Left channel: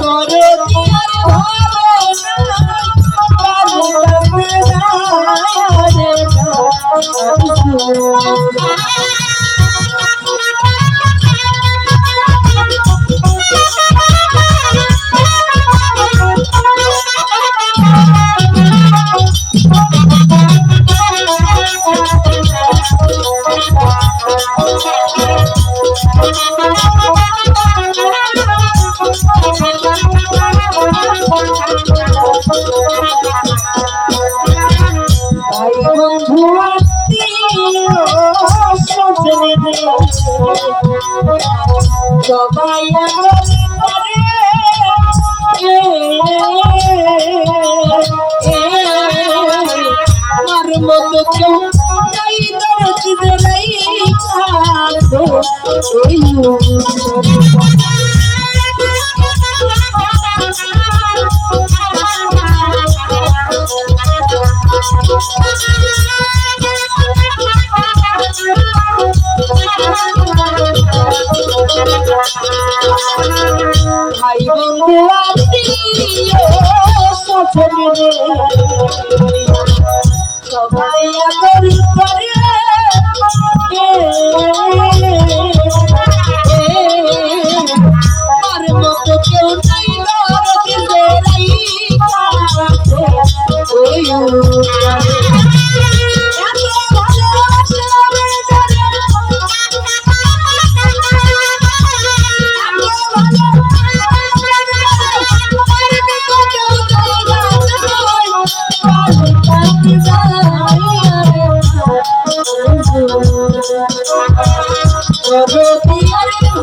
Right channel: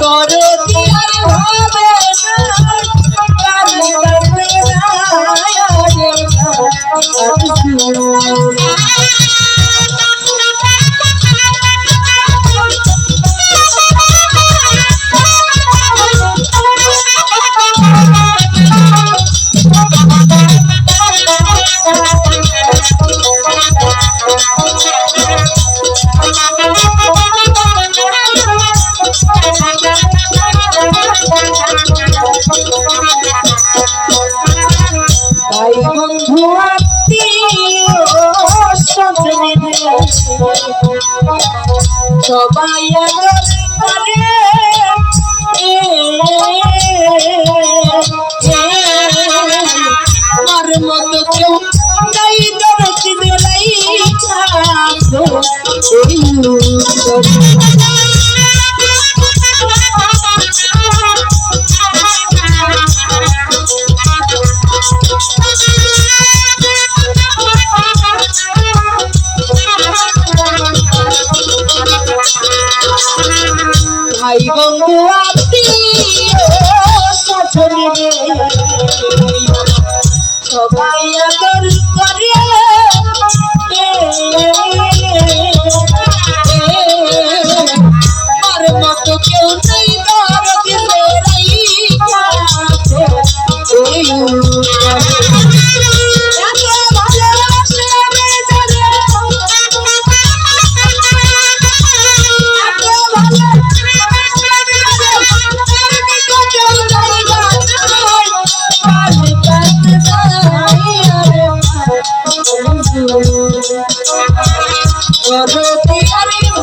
করে বন্ধু সবাই আমার মতো কেউ নাই দরদি বেলাই থাকো এই মুহূর্তে। ভাই বন্ধু সবাই আদর করে কিন্তু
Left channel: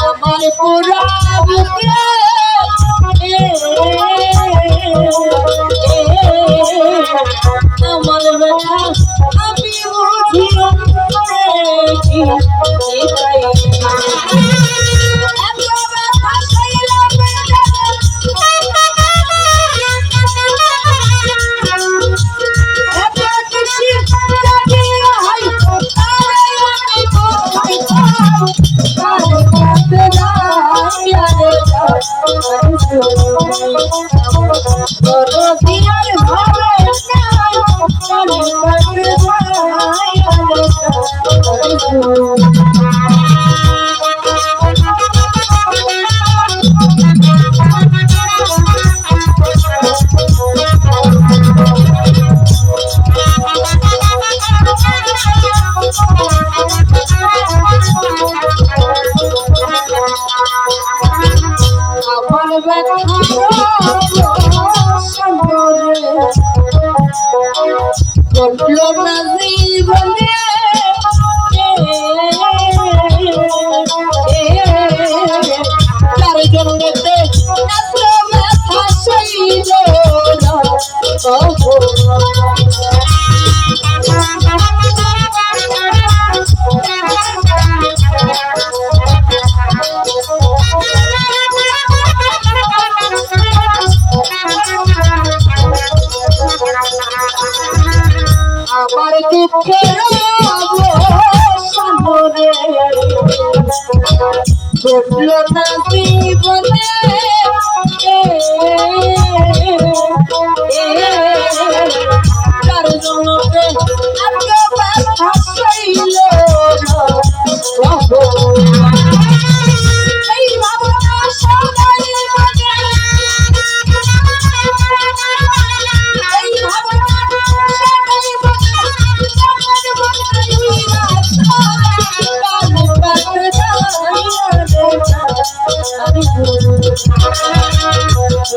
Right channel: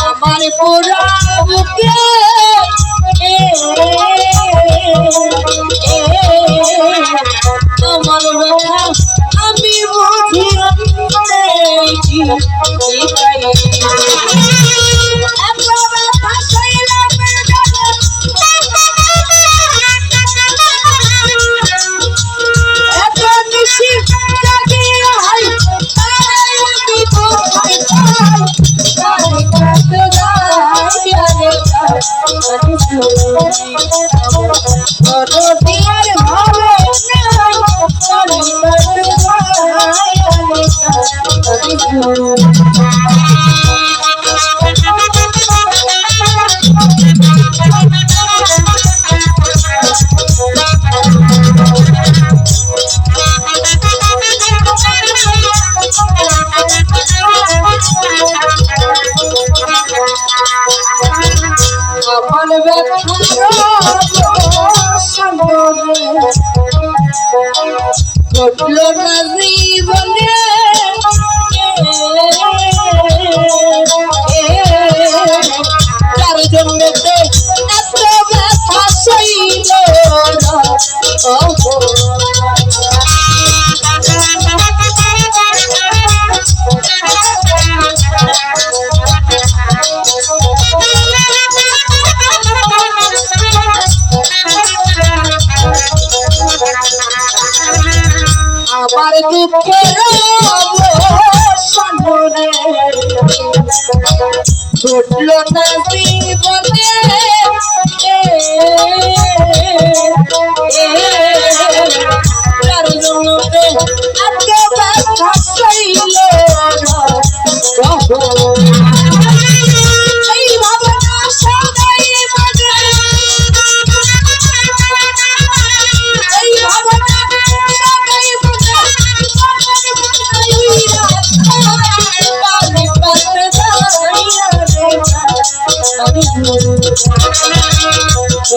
আমার পুরা বুকে আমার ব্যথা আমি Thank you. ঘটলো না জীবনে। তার জন্য এত ব্যথা সইল না। আমার দুঃখের অবসানে ঘটল না জীবনে।